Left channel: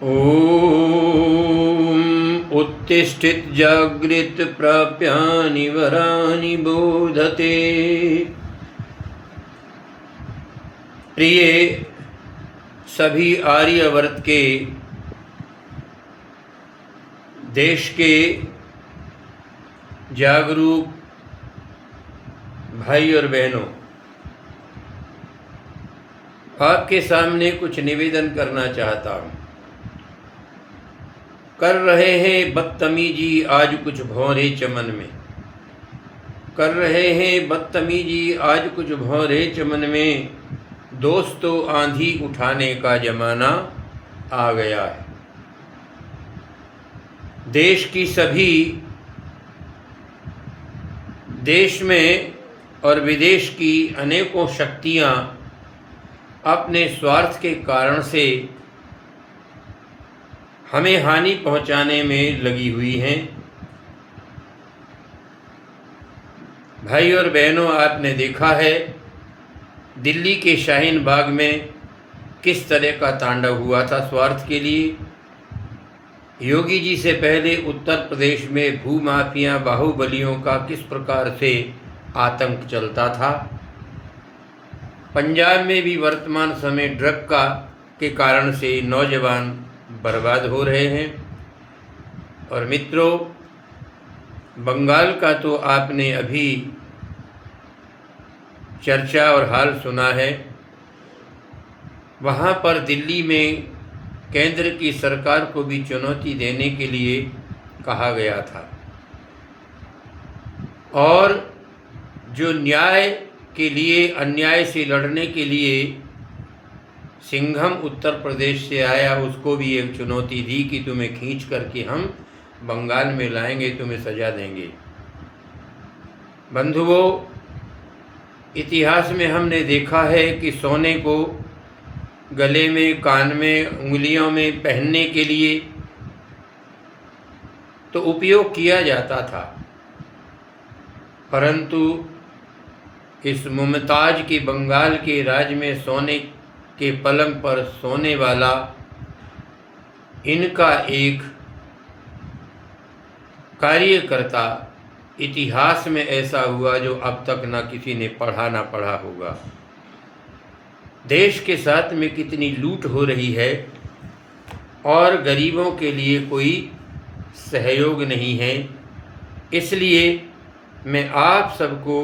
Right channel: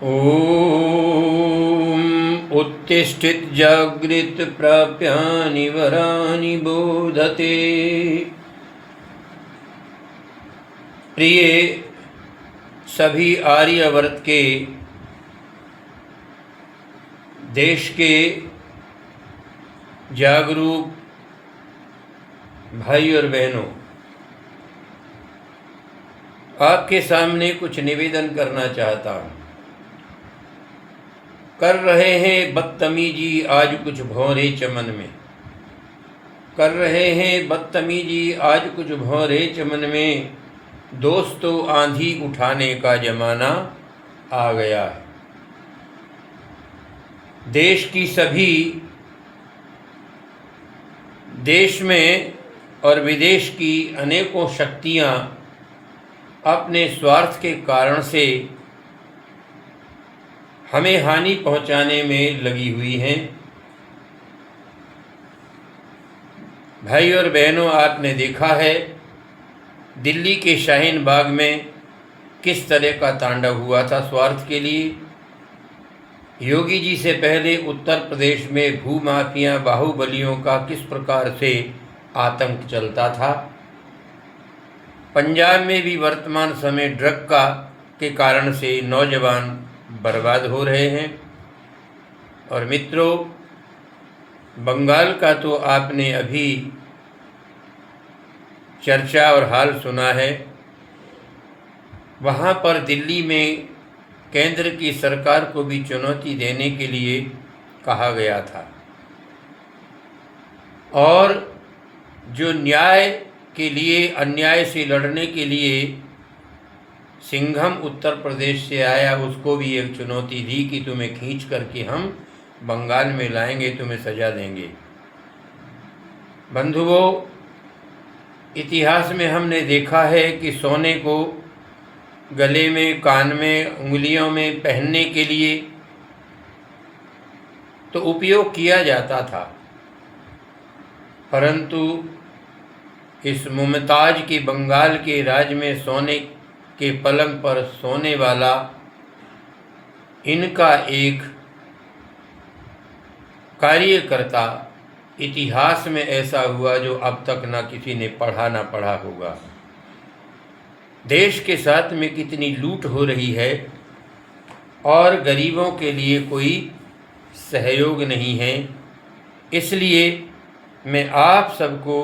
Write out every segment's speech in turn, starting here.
ॐ उत्तिष्ठित जागृत प्राप्यानि वरानि बोधते। प्रिय सभी आर्यवर्त के देश के जागरूक भाई और बहनों, आपके सामने कुछ निवेदन करना चाहता हूँ। कर रहे हैं बदतमीजी आज कुछ भौरे चमन में, कर रहे हैं बदतमीजी आज कुछ भौरे चमन में। दोस्तों आंधी उठाने का ज़माना आ गया है। देश की सभी देश में और विदेश की अनेकों शक्तियाँ अपने स्वार्थ के कारण से हमें हानि पहुंचाने में लगी हुई हैं। भाई और बहनों, आपने देखा है दिल्ली के शाहीन बाग में किस तरह का तांडव हुआ था स्वार्थ के लिए। योगी जी से पहले उत्तर प्रदेश में भूमाफिया बाहुबलियों का किस प्रकार से आतंक चलता था। पंजाब में भी वर्तमान समय ड्रग के कारण से नौजवान बर्बाद हो रहे हैं। और मित्रों, बंगाल का तो आपने अभी चर्चा और हाल सुना है। वहाँ पर दिल्ली में केंद्र की सरकार को भी चुनौती देने के लिए कहा गया था, और जो न्याय के लिए अन्याय से लड़ने के लिए सिंघम उत्तर प्रदेश से आया, उसको भी एक चुनौती दी कि तुम्हें खींच करके हम बंगाल में लाएंगे, तुम्हें सजा देंगे। बंधुओं, इतिहास में हमने देखा है कि सोने को गले में, कान में, उंगलियों में पहनने के लिए तो उपयोग किया जाता था, परंतु इस मुमताज के बंगाल के राज में सोने के पलंग पर सोने वाला इनका एक कार्यकर्ता इतिहास में ऐसा हुआ जो अब तक ना किसी ने पढ़ा होगा। देश के साथ में कितनी लूट हो रही है और गरीबों के लिए कोई सहयोग नहीं है। इसलिए मैं आप सबको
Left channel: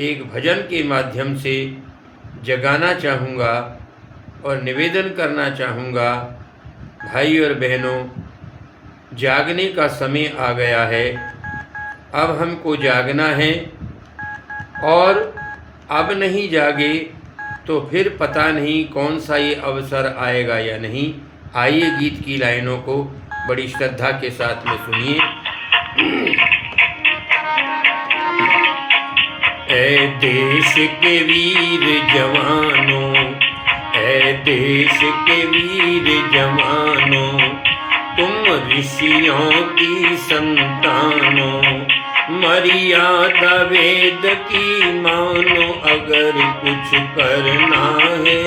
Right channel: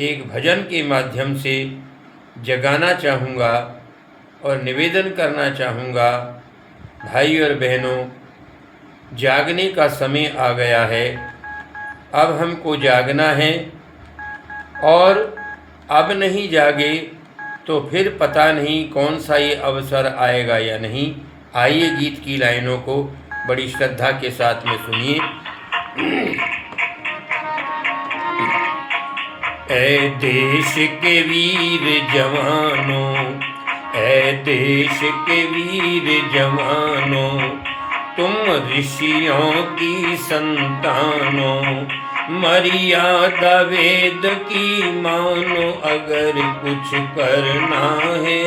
एक भजन के माध्यम से जगाना चाहूँगा और निवेदन करना चाहूँगा, भाई और बहनों, जागने का समय आ गया है। अब हमको जागना है, और अब नहीं जागे तो फिर पता नहीं कौन सा ये अवसर आएगा या नहीं। आइए गीत की लाइनों को बड़ी श्रद्धा के साथ में सुनिए। ऐ देश के वीर जवानों, ऐ देश के वीर जवानों, तुम ऋषियों की संतानों, मर्यादा वेद की मानो। अगर कुछ करना है,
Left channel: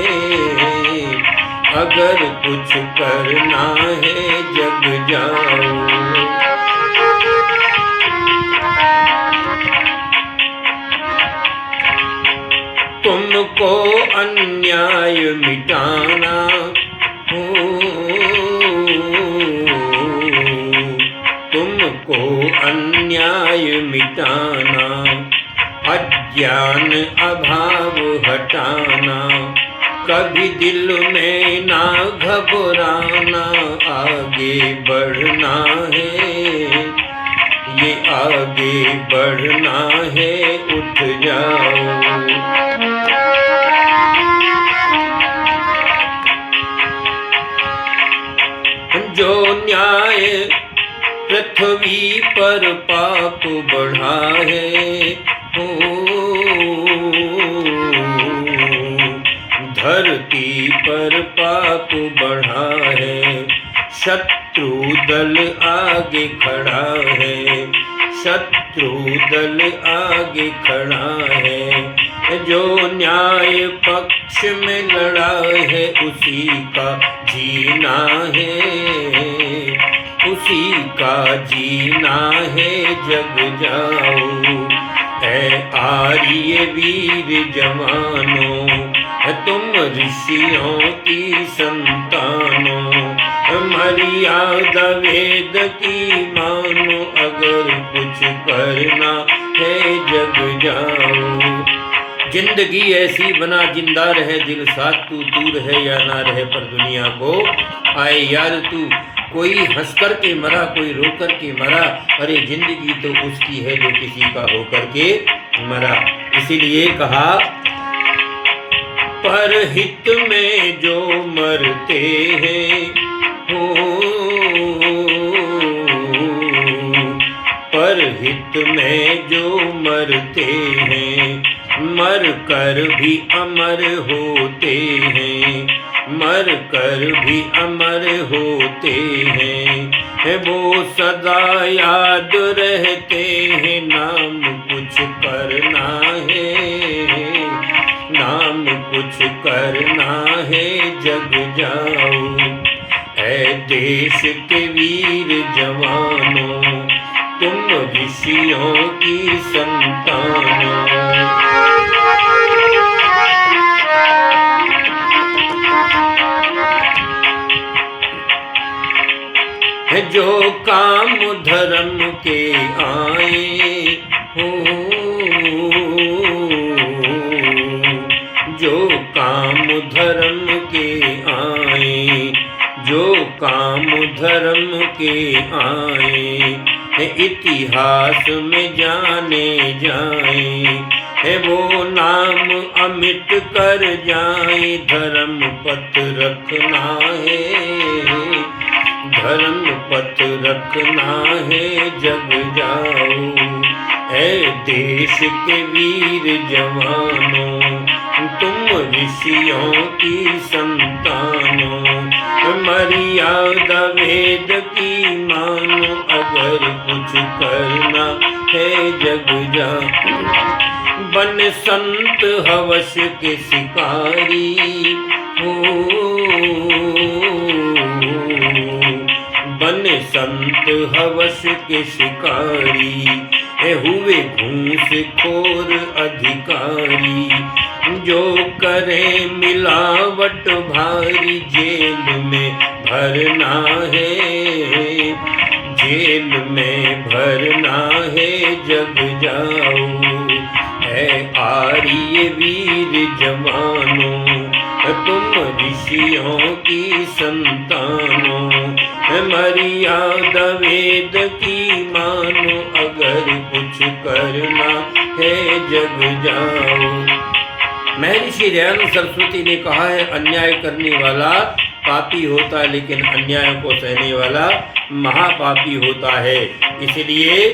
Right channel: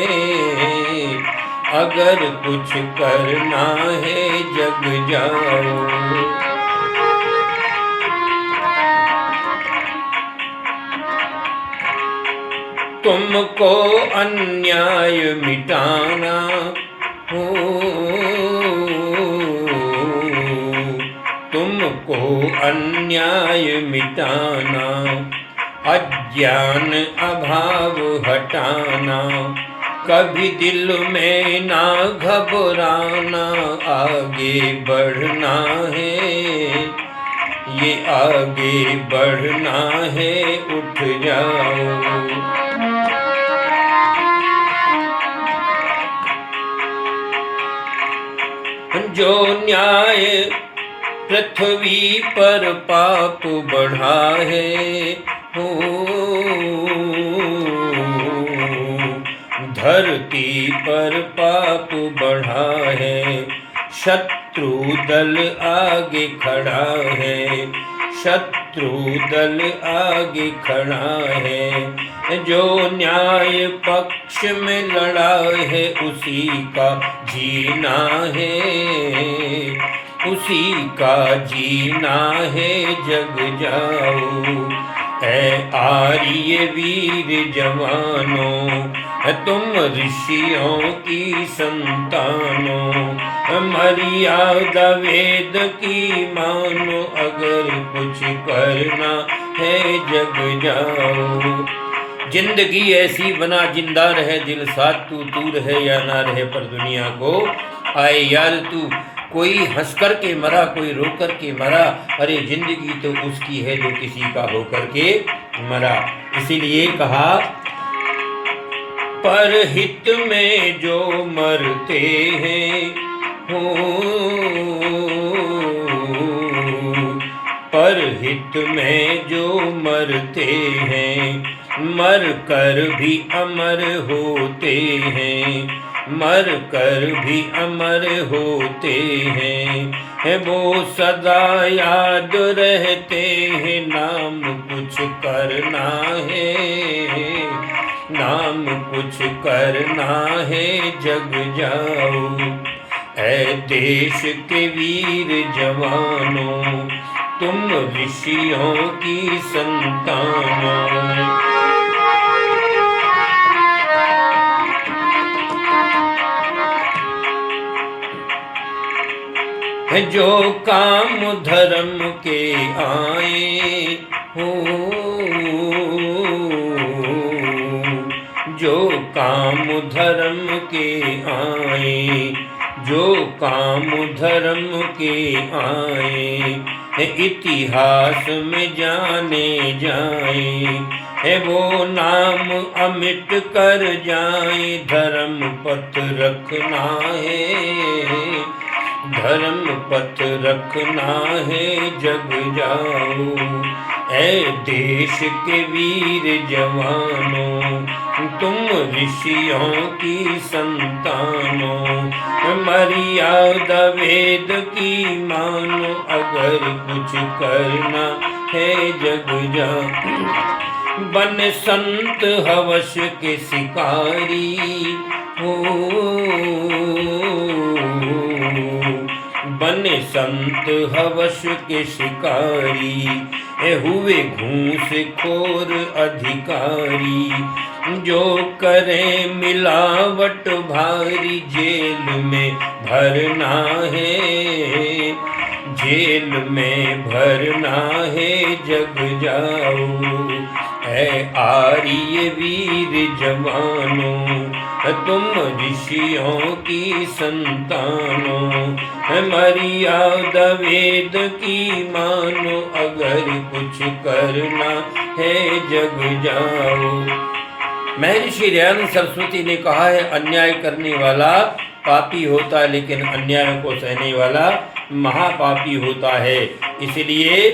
अगर कुछ करना है, जग जाओ। तुमको अन्याय मिटाना हो, तुमको अन्याय मिटाना, अज्ञान अभाव हटाना, कभी दिल में ना घबराना। आगे बढ़ना है, ये आगे बढ़ना है, उठ जाओ। जो न्याय पृथ्वी पर पाप बढ़ा है, हो धरती पर पाप बढ़ा है। शत्रु दल आगे खड़ा है, शत्रु दल आगे खड़ा है। जो न्याय पक्ष में लड़ा है उसी का जीना है, उसी का जीना है, जग जाओ ऐ आर्य वीर जवानों, तुम ऋषियों की संतानों, मर्यादा वेद की मानो, अगर कुछ करना है जग जाओ। जिंदगी ऐसी बना जिंदा रहे दिल साथ, तू रहे या ना रहे पर दुनिया को आए याद तू। कोई हंस कर के मरा, कोई रो कर के मरा, अरे जिंदगी तो उसकी है जो किसी का हो कर के मरा। इसीलिए कहा पर हित में जो मरते हैं हो, पर हित में जो मरते हैं, मर कर भी अमर होते हैं, मर कर भी अमर होते हैं, वो सदा याद रहते हैं। नाम कुछ करना है, नाम कुछ करना है, जग जाओ ऐ देश के वीर जवानों, तुम ऋषियों की संतानों। जो काम धर्म के आए हो, जो काम धर्म के आए, जो काम धर्म के आए, इतिहास में जाने जाए, है वो नाम अमिट कर जाए। धर्म पथ रखना है, धर्म पथ रखना है, जग जाओ ऐ देश के वीर जवानों, तुम ऋषियों की संतानों, मर्यादा वेद की मानो, अगर कुछ करना है जग जाओ। बन संत हवस के शिकारी हो, बने संत हवस के शिकारी, हुए घूस खोर अधिकारी, जो करें मिलावट भारी, जेल में भरना है, जेल में भरना है, जग जाओ ऐ आर्य वीर जवानों, तुम ऋषियों की संतानों, मर्यादा वेद की मानो, अगर कुछ करना है जग जाओ। महर्षि दयानंद सरस्वती ने कहा है, अन्याय करने वाला पापी होता है, लेकिन अन्याय को सहने वाला महापापी होता है। इसलिए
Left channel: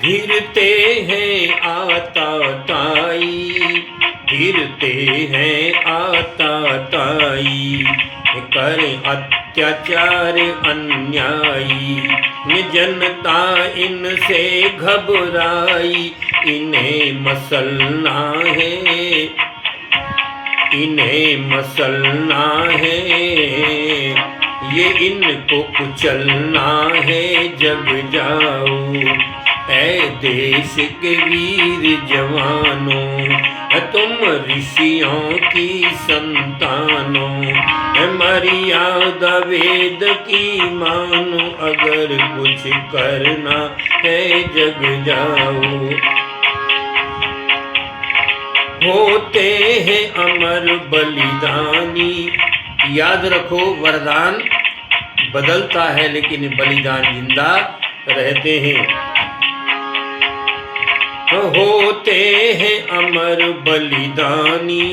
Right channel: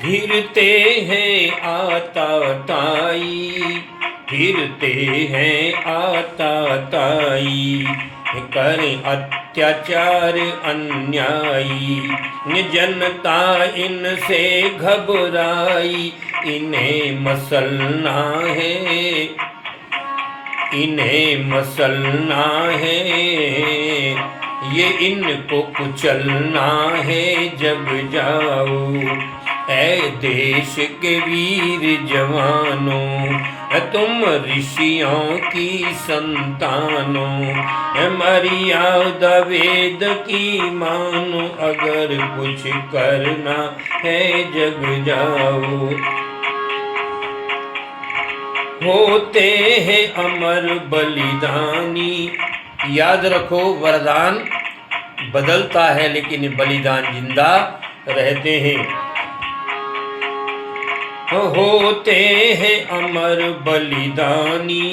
फिरते हैं आता ताई, फिरते हैं आता ताई, करें अत्याचार अन्यायी, जनता इनसे घबराई, इन्हें मसलना है, इन्हें मसलना है, ये इनको कुचलना है, जग जाओ ऐ देश के वीर जवानों, तुम ऋषियों की संतानों, मर्यादा वेद की मानो, अगर कुछ करना है जग जाओ। होते हैं अमर बलिदानी, याद रखो वरदान बदलता है लेकिन बलिदान जिंदा रहते हैं। होते हैं अमर बलिदानी,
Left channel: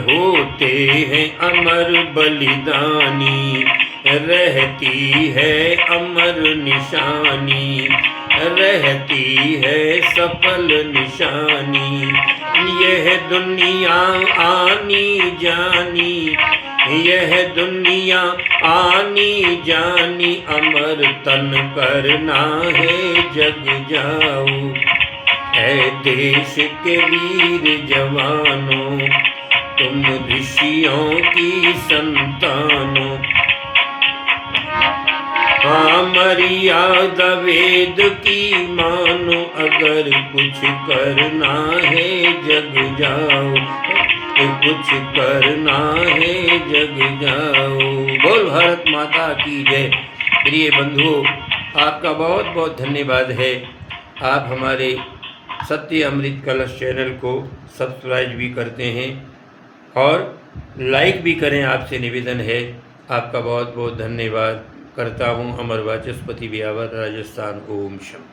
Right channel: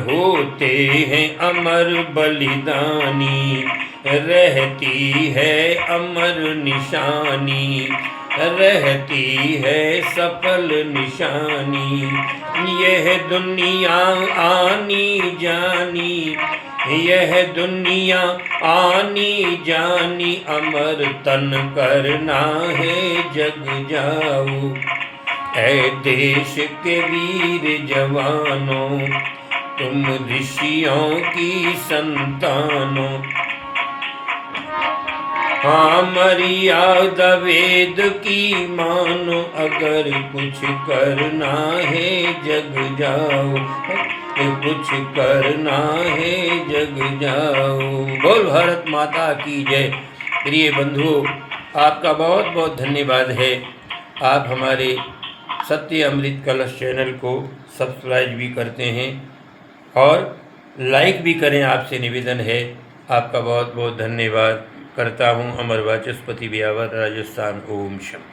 होते हैं अमर बलिदानी, रहती है अमर निशानी, रहती है सफल निशानी, यह दुनिया आनी जानी, यह दुनिया आनी जानी अमर तन करना है जग जाओ। ऐ देश के वीर जवानों तुम ऋषियों की संतानों। हाँ मर्यादा वेद की मानो अगर कुछ करना है जग जाओ। कुछ करना है जग जाओ। बोल भारत माता की जय। प्रिय बंधुओं, आपका बहुत बहुत धन्यवाद है। आप हमारे सत्य अमृत कलश चैनल को सब्सक्राइब भी करते हैं और लाइक भी करें, आपसे निवेदन है। आपका बहुत बहुत धन्यवाद करता हूँ। अमर वाचस्पति ब्यावर, राजस्थान। ओम शम।